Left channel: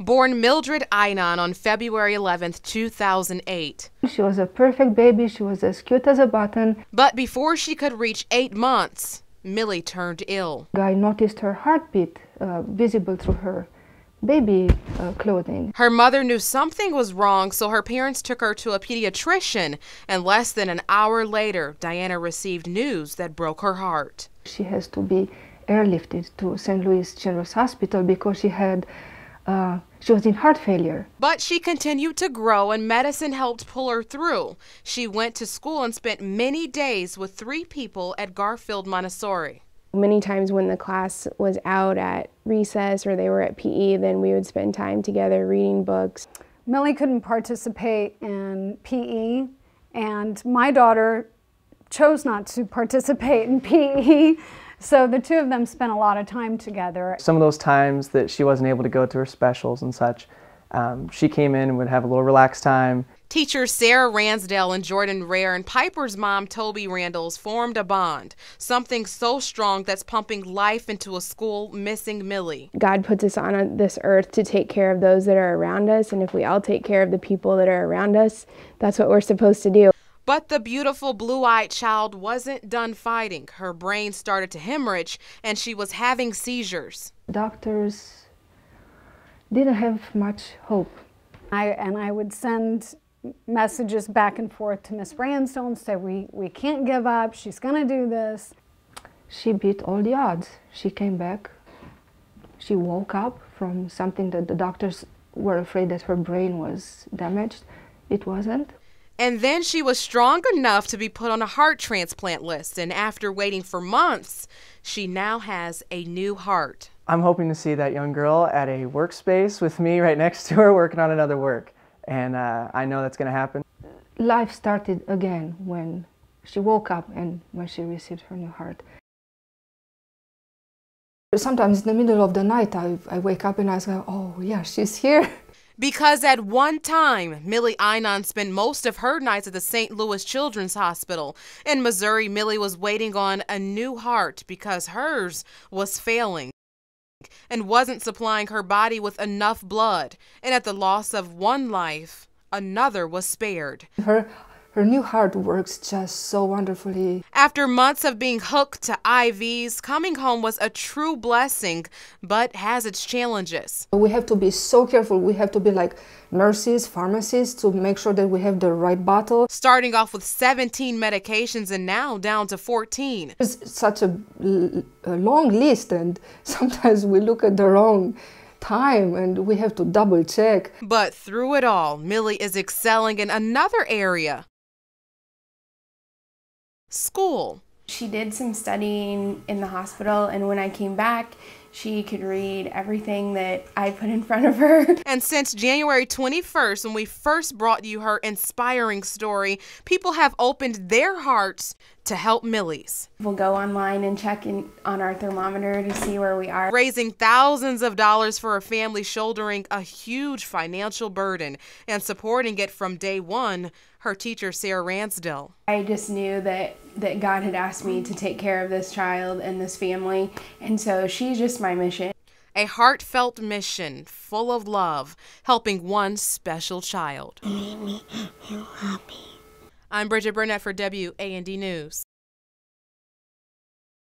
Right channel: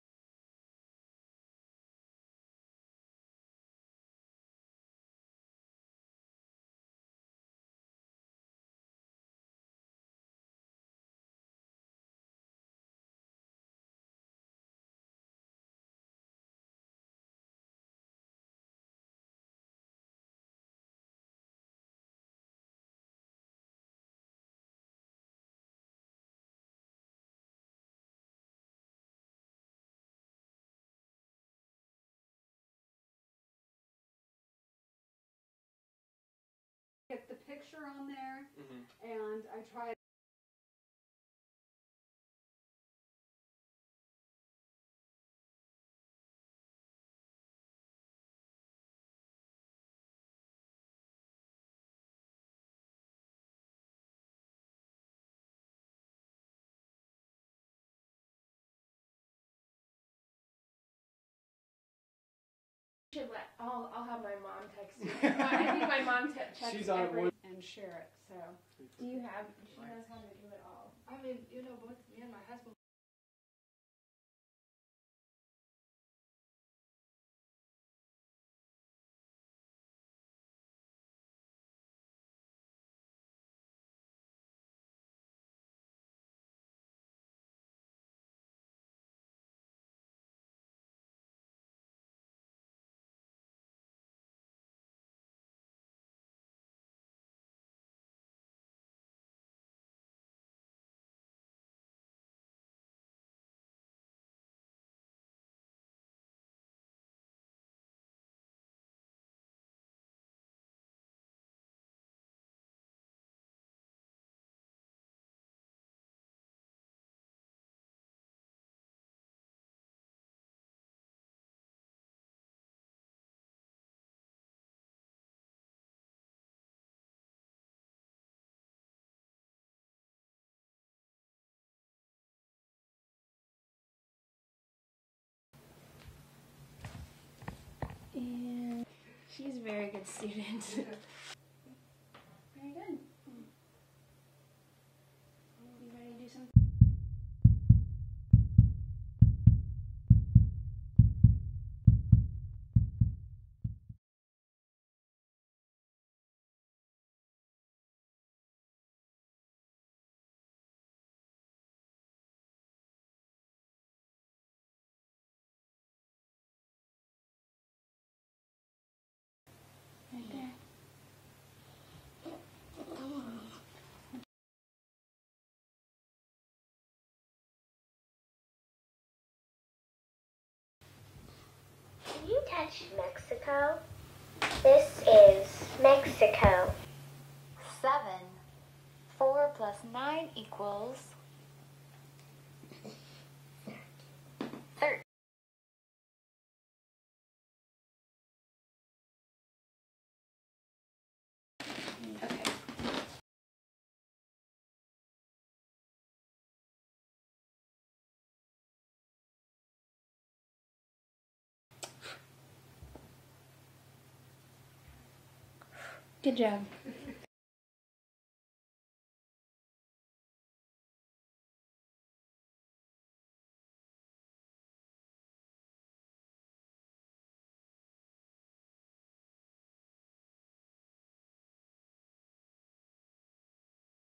Born Mildred Eynon on February 11, 2008. She was a perfect baby. She was as cute as a button. But before she could reach 8 months, Millie turned ill. I noticed her heartbeat visible through her baby clothing. Her mother knew something was wrong, so her parents took her to a pediatrician, and less than an hour later, Diana received news that broke her heart. She has to be airlifted to St. Louis Children's Hospital because she was in heart failure. But she continued to grow, and medicine helped pull her through. She went to school and spent many days with 3 people at Garfield Montessori. Many times when the class was out at recess or they were at PE, then we would spend time together reading books. Millie couldn't participate in PE, and my daughter chose not to participate in PE, so the two of them spent a lot of time together. Some of those times that she wasn't able to go to her specials and such, she came in and would have a little relaxed time. Teachers Sarah Ransdale and Jordan Rare and Piper's mom, Toby Randalls, formed a bond, something so strong that's pumping life into a school missing Millie. God puts us on this earth to take care of those that are around us, and if we all take care of the people that are around us, that's what we're supposed to do. But the beautiful blue-eyed child wasn't done fighting. Her brain started to hemorrhage, and she was having seizures. Doctors didn't have much hope. I would send messages back and forth to Miss Ransdale and say, we can't give up, she's gonna do this. She beat all the odds. She came back. She woke up from something that the doctors were afraid that her brain was damaged. It wasn't. And then she was strong enough to be put on a heart transplant list, and after waiting for months, she now has a new heart. I'm hoping to see that young girl at a workspace with me right next to her working on another work, and I know that's going to happen. Life started again when she woke up and when she received her new heart. Sometimes in the middle of the night I wake up and I say, oh yeah, she's here. Because at one time, Millie Eynon spent most of her nights at the St. Louis Children's Hospital. In Missouri, Millie was waiting on a new heart because hers was failing and wasn't supplying her body with enough blood. And at the loss of one life, another was spared. Her new heart works just so wonderfully. After months of being hooked to IVs, coming home was a true blessing, but has its challenges. We have to be so careful. We have to be like nurses, pharmacists, to make sure that we have the right bottle. Starting off with 17 medications and now down to 14. It's such a long list, and sometimes we look at the wrong time and we have to double check. But through it all, Millie is excelling in another area. This is Mexico. School. She did some studying in the hospital, and when I came back, she could read everything that I put in front of her. And since January 21st, when we first brought you her inspiring story, people have opened their hearts to help Millie's. We'll go online and check in on our thermometer to see where we are. Raising thousands of dollars for a family shouldering a huge financial burden and supporting it from day one, her teacher, Sarah Ransdale. I just knew that God had asked me to take care of this child and this family, and so she's just my mission. A heartfelt mission full of love, helping one special child. It made me feel happy. I'm Brigette Burnett for WAND News.